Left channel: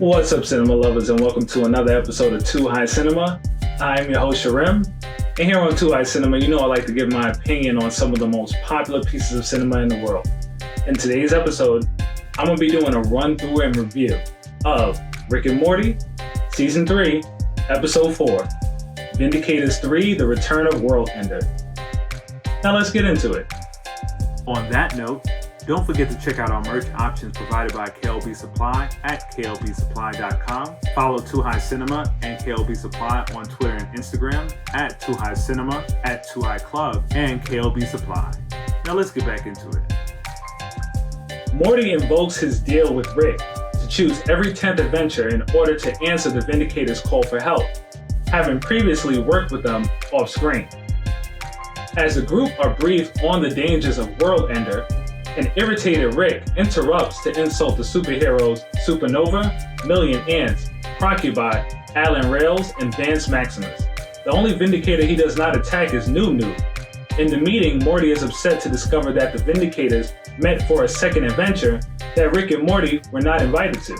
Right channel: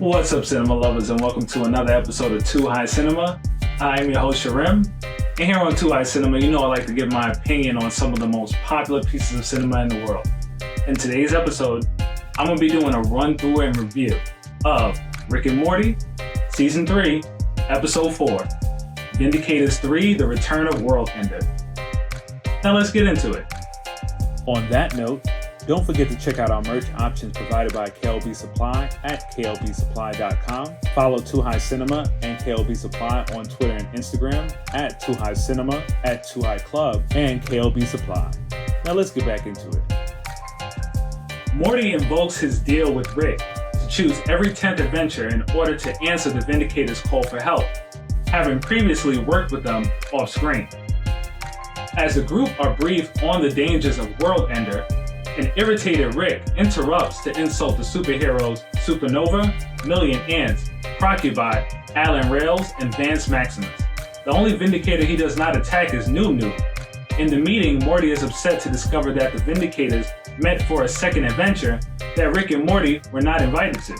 What's up, cinema lovers, and welcome to another episode of Too High Cinema. I'm your host, SHRIM, and here on Too High Cinema, you know I like to give my opinion on some of the most popular pieces of cinema in the world. In today's episode, I'm going to be doing a run-through and review of Rick and Morty, Season 3, Episode 4, Vindicators 3, The Return of World Ender. Now let's get into it. On that note, don't forget to check out our merch options provided by KLB Supply at klbsupply.com. Follow Too High Cinema and KLB Supply on Twitter and Instagram at Too High Cinema, at Too High Club, and KLB Supply. Now let's get back into it. Morty invokes his deal with Rick to choose every 10th adventure in order to answer the Vindicators' call for help, having previously worked with them off screen. As the group are briefed on the dangers of World Ender, an irritated Rick interrupts to insult the superheroes Supernova, Million Ants, Crocubot, Alan Rails, and Vance Maximus. The only Vindicator he does not attack is Noob. In the meeting, Morty is upset to discover that the Vindicators met for a second adventure that Rick and Morty were not invited to.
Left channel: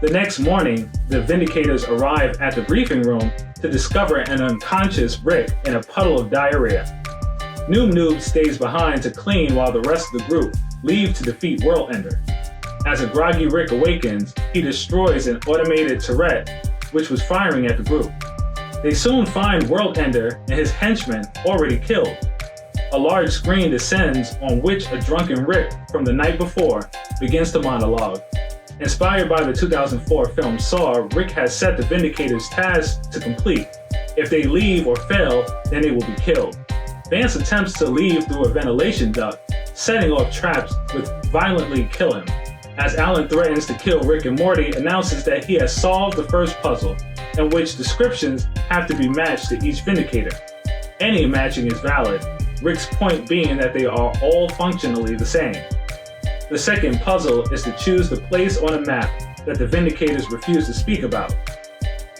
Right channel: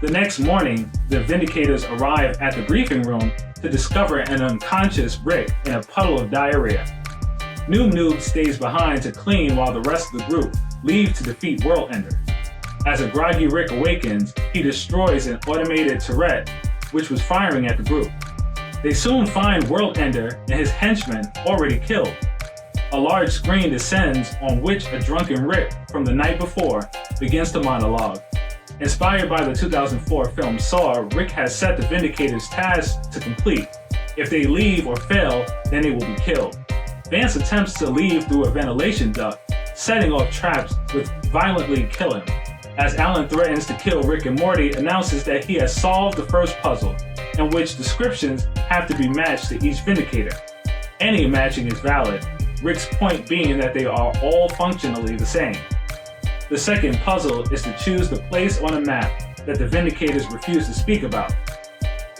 The next morning, the Vindicators arrive at the briefing room to discover an unconscious Rick in a puddle of diarrhea. Noob stays behind to clean while the rest of the group leave to defeat World Ender. As a groggy Rick awakens, he destroys an automated turret which was firing at the group. They soon find World Ender and his henchmen already killed. A large screen descends on which a drunken Rick from the night before begins to monologue. Inspired by the 2004 film Saw, Rick has set the Vindicators' tasks to complete. If they leave or fail, then they will be killed. Vance attempts to leave through a ventilation duct, setting off traps which violently kill him. As Alan threatens to kill Rick and Morty, announces that he has solved the first puzzle, in which descriptions have to be matched to each Vindicator. Any matching is valid, Rick's point being that they are all functionally the same. The second puzzle is to choose the place on a map that the Vindicators refuse to speak about.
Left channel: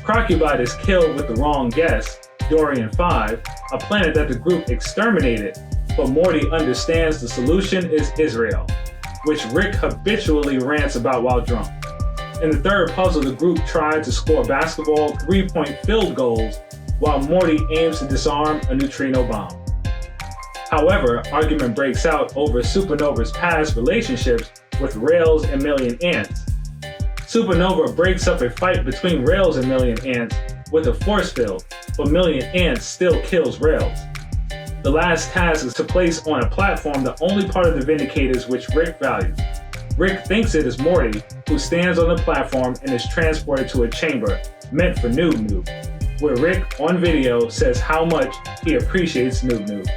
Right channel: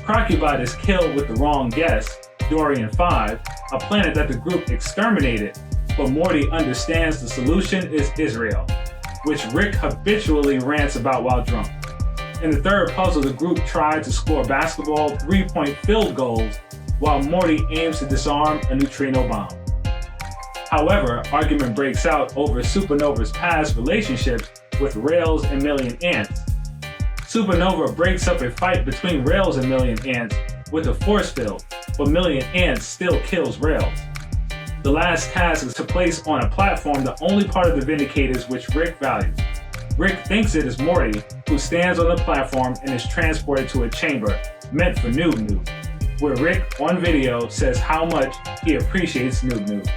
Crocubot is killed with the wrong guess, Dorian 5, a planet that the group exterminated, but Morty understands the solution is Israel, which Rick habitually rants about while drunk. In the third puzzle, the group tried to score basketball 3-point field goals while Morty aims to disarm a neutrino bomb. However, argument breaks out over Supernova's past relationships with Rails and Million Ants. Supernova breaks up a fight between Rails and Million Ants with a force field, but Million Ants still kills Rails. The last task is to place on a platform the only part of the Vindicators which Rick values. Rick thinks it is Morty, who stands on the platform and is transported to a chamber meant for Noob, where Rick, on video, says how much he appreciates Noob.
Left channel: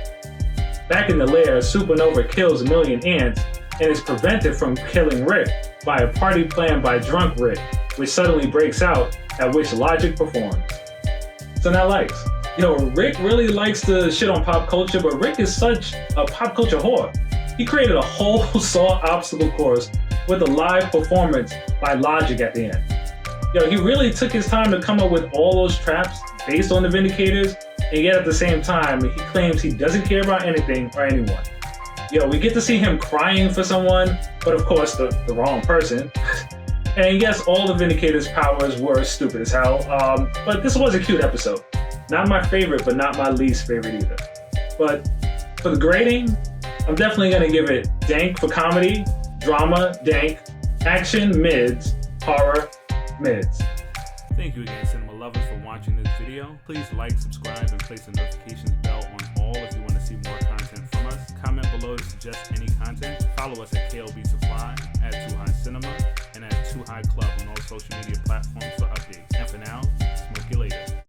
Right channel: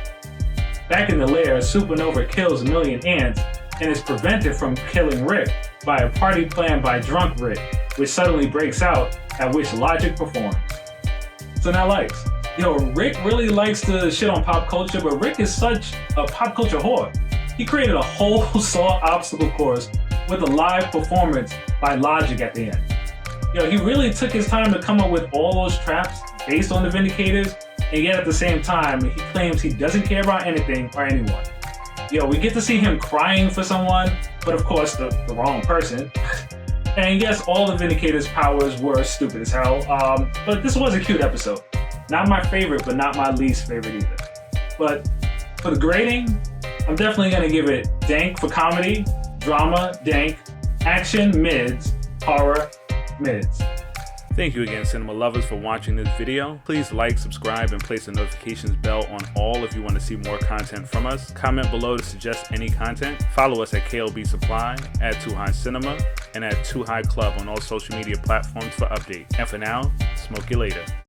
Back in the lair, Supernova kills Million Ants and is prevented from killing Rick by a party planned by drunk Rick, which suddenly breaks out, at which Logic performs. So now likes. Rick really likes to shit on pop culture, but Rick is such a pop culture whore. He created a whole Saw obstacle course with a live performance by Logic at the end. He really took his time to come up with all those traps based on the Vindicators, and yet at the same time, he claims he doesn't care about anything or anyone. We get to see him crying for someone, but of course the wrong person. And yes, all the Vindicators' powers were stupid as hell, but this was a cute episode. Not my favorite, but not my least favorite either. But for the grading, I'm definitely going to give it dank for comedy, drama, dank, action, mids, horror, mids. Thank you again, cinema lovers, for watching this video. Please like, subscribe, and place the notifications bell on all if you want to see more content from us. Comment below to suggest any content. Follow us at KLB Supply, at Too High Cinema, and at Too High Club on all social media platforms for updates. And for now, smoke you later.